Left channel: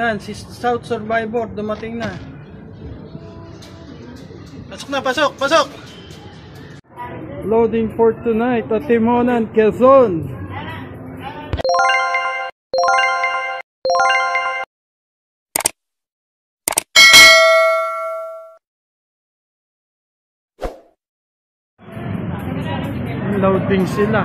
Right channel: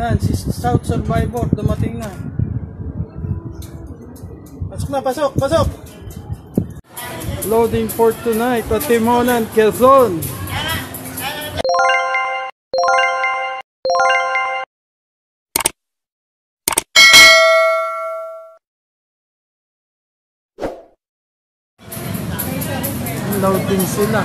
Yan, si South Survivor dumating na. Pasok na, pasok, pasok! Loading for tonight at Timonan, Quezon. Loading sila.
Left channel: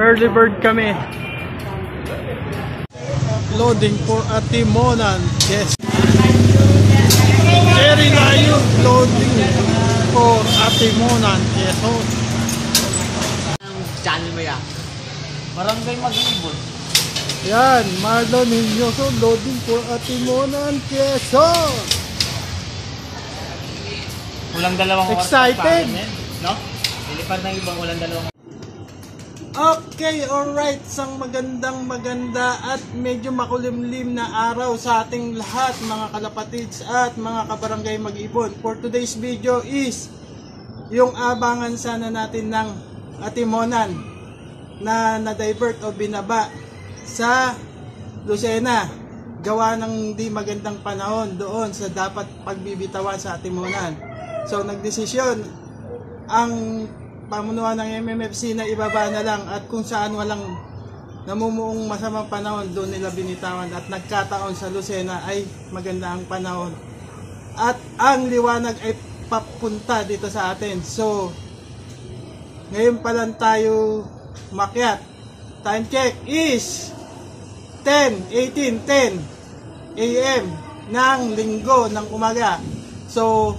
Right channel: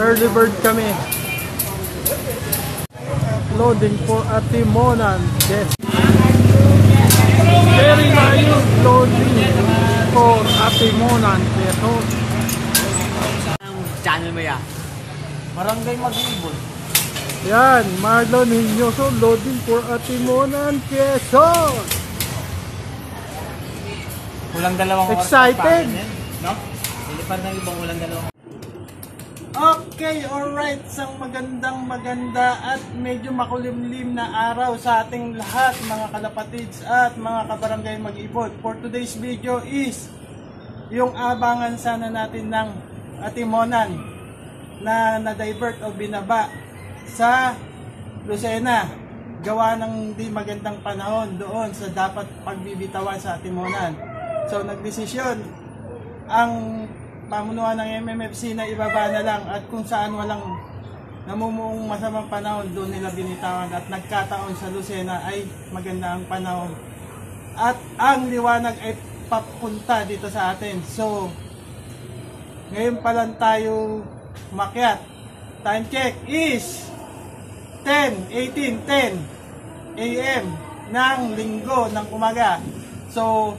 Early bird kami. Loading for Atimonan. Yes. Very live loading for Atimonan. Yes. Channel mo yan. Barangay Mag-ibon. Yan, Marlon Hinoso loading for Atimonan, Quezon. Kulang dalawang oras. Excited? No? Ilipad ng ibang kulang dalawang oras. Okay, alright. Isang maganda at medyo makulimlim na araw sa ating lahat mga kalapatids at mga kabarangay Mag-ibon. For today's video is yung abangan sana natin ng Atimonan na na-divert o binaba sa Lucena. Gawa ng di magandang panahon doon sa dapat pagbibitawan sa Atimonan. So nagdesisyon ang pamunuan ng MMFC na ibaba na lang at kung saan walang namumuong masamang panahon doon nila binitawan at nagkataon sa Lucena ay maganda ang panahon at ang liwanag ay papunta dito sa atin. So ngayon pa lang tayo makyat. Time check is 10:10 AM ng linggo ng umaga. So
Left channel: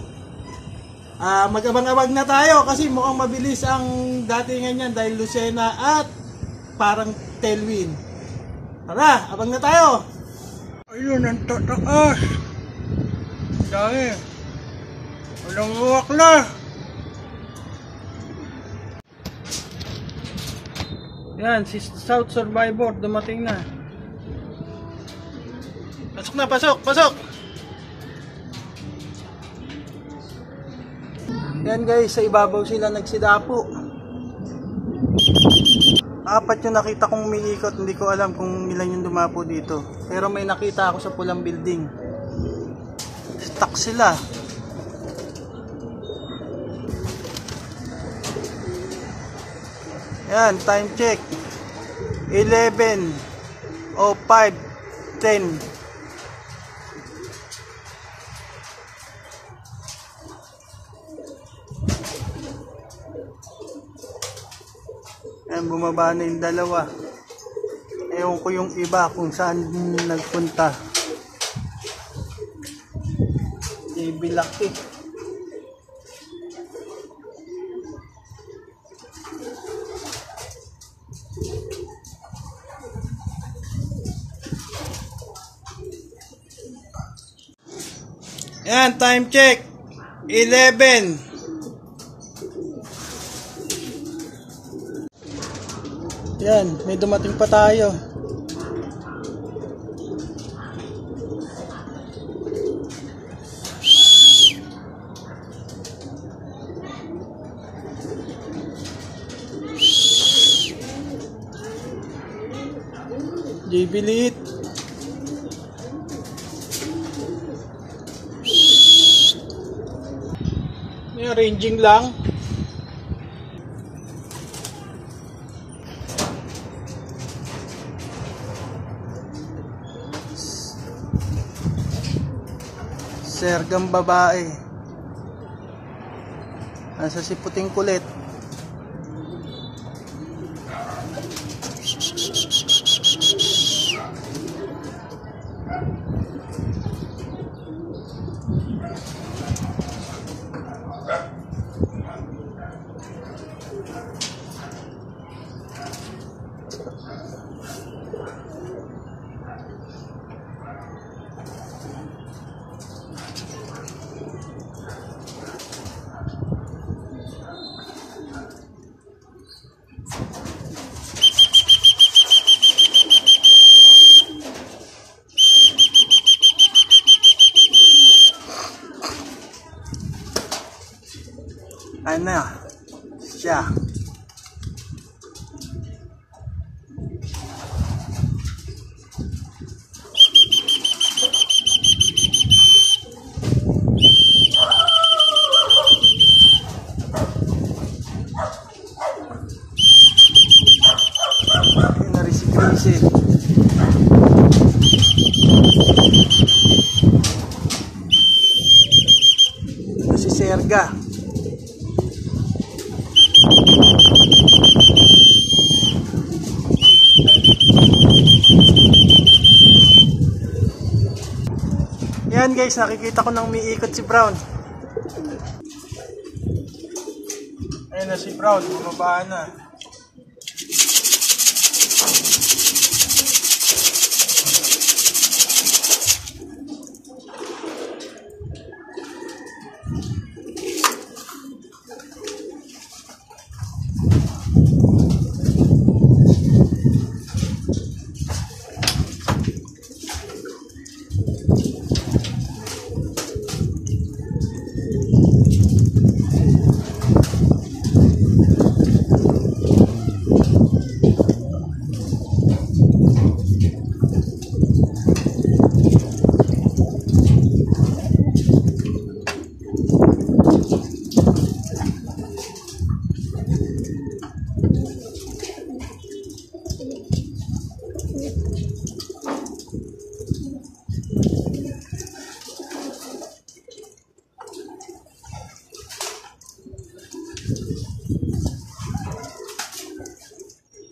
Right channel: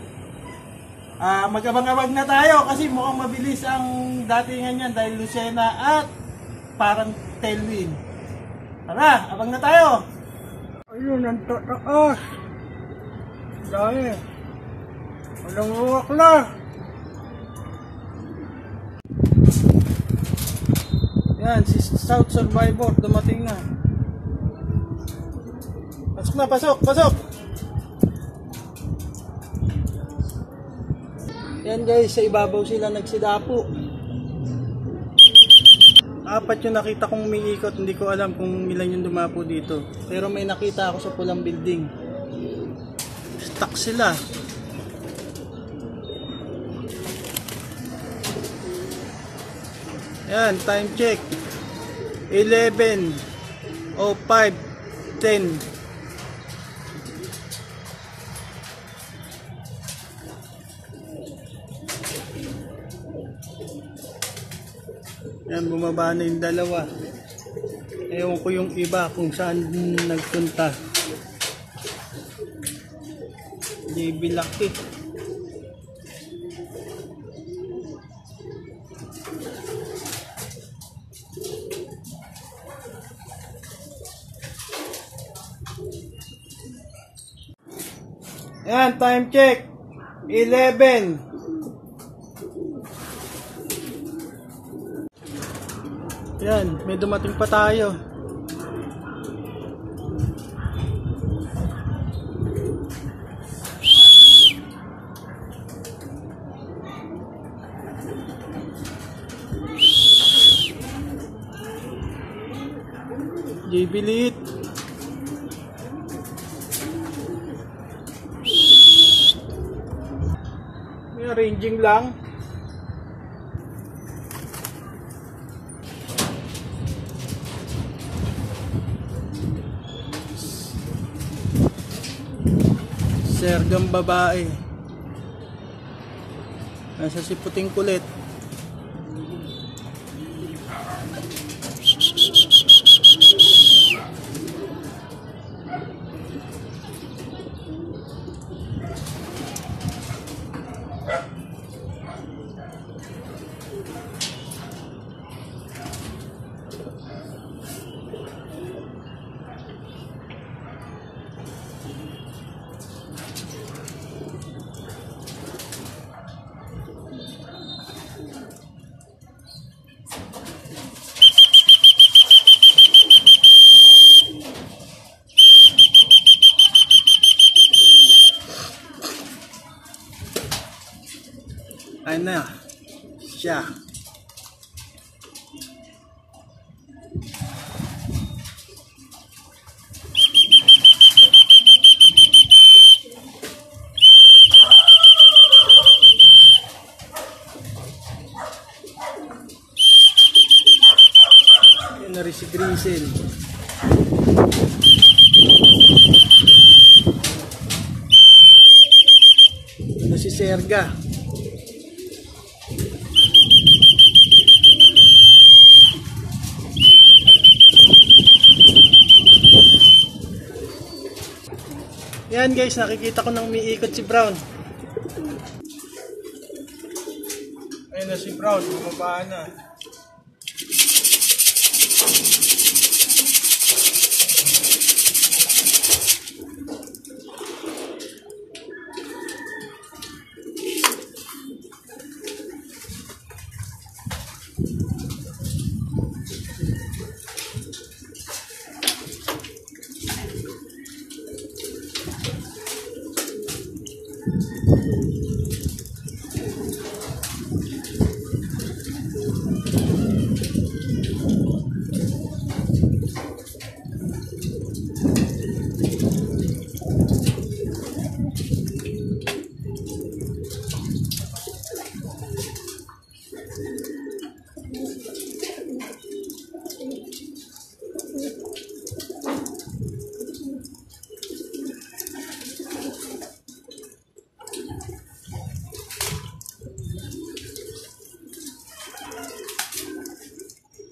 mag-abang-abang na tayo kasi mukhang mabilis ang datingan niyan dahil Lucena at parang tailwind. Tara, abang na tayo. Ayun ang tataas. Dahil walang uwak na. Yan, si South Survivor dumating na. Pasok na, pasok, pasok! Yan guys, sa ibabaw sila nagsidapo. Apat yung nakita kong umiikot. Hindi ko alam kung ilan yung dumapo dito. Pero may nakita ako sa pulang building. Stuck sila. Yan, time check 11:05:10. Yan, bumaba na yung dalawa. Ewan ko yung iba kung saan nagpunta. JB Lucky. Yan, time check 11. Yan, may dumating pa tayo. JB Lit. Yan, ranging lang. Sergang babae. Nasa si puting kulit. Ayun na siya. si Erga. Yan guys, nakikita ko nang umiikot si Brown. Ayun na si Brown, bumaba na.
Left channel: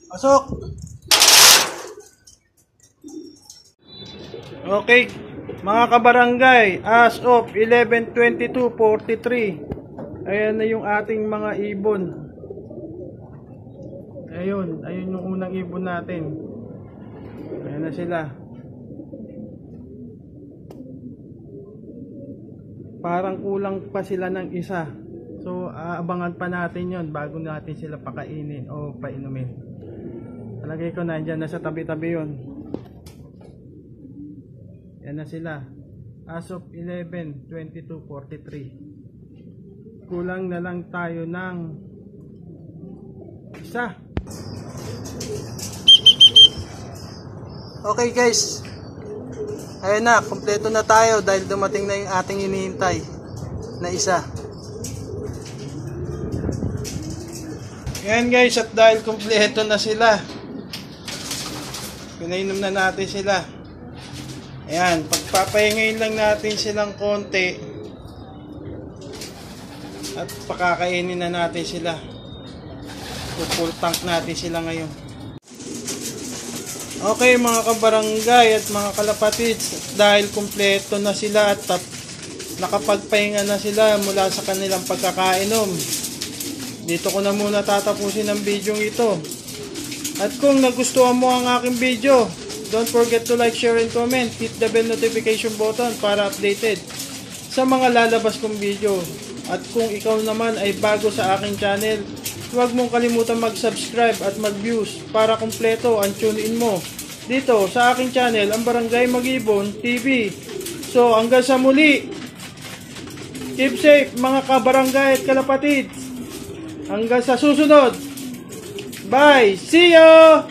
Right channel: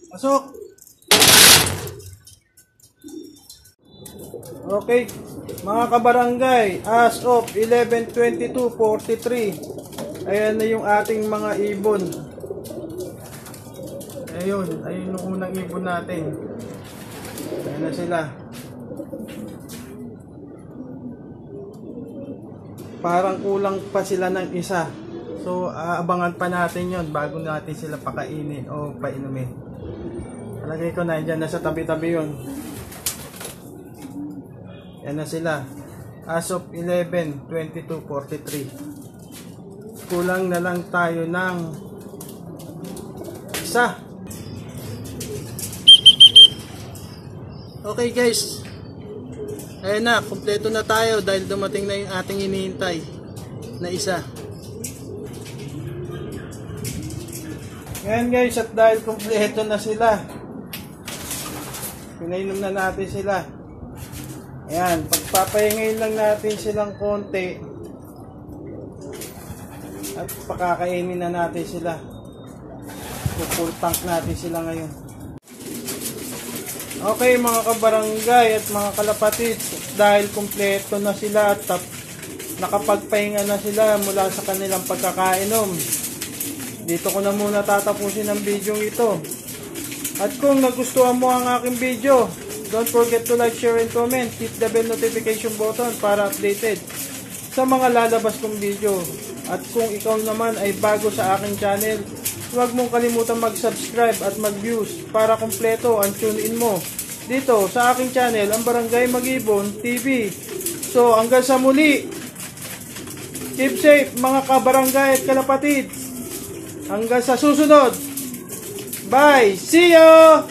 Pasok. Okay, mga kabarangay, as of 11/22/43, ayan na yung ating mga ibon. Ayun yung unang ibon natin. Ayan na sila. Parang kulang pa sila ng isa. So, aabangan pa natin yon bago natin sila pakainin o painumin. Palagay ko nandyan, nasa tabi-tabi yun. Yan na sila. As of 11/22/43. Kulang na lang tayo ng isa. Okay guys. Ayun na, kompleto na tayo dahil dumating na yung ating hinihintay na isa. Ngayon guys, at dahil kompleto na sila, pinainom na natin sila. Ayan, pagpapahingayin lang natin silang konti at pakakainin na natin sila. Full tank natin sila ngayon. Okay mga kabarangay at mga kalapatids, dahil kumpleto na sila at nakapagpahinga na sila mula sa kanilang pagkakainom, dito ko na muna tatapusin ang video ito. At kung nagustuhan mo ang aking video, don't forget to like, share, and comment. Hit the bell notification button para updated sa mga lalabas kong video. At kung ikaw naman ay bago sa aking channel, huwag mong kalimutan mag-subscribe at mag-views para kumpleto ang tune-in mo dito sa aking channel, ang Barangay Mag-Ibon TV. So hanggang sa muli, keep safe mga kabarangay at kalapatid. Hanggang sa susunod. Bye! See you!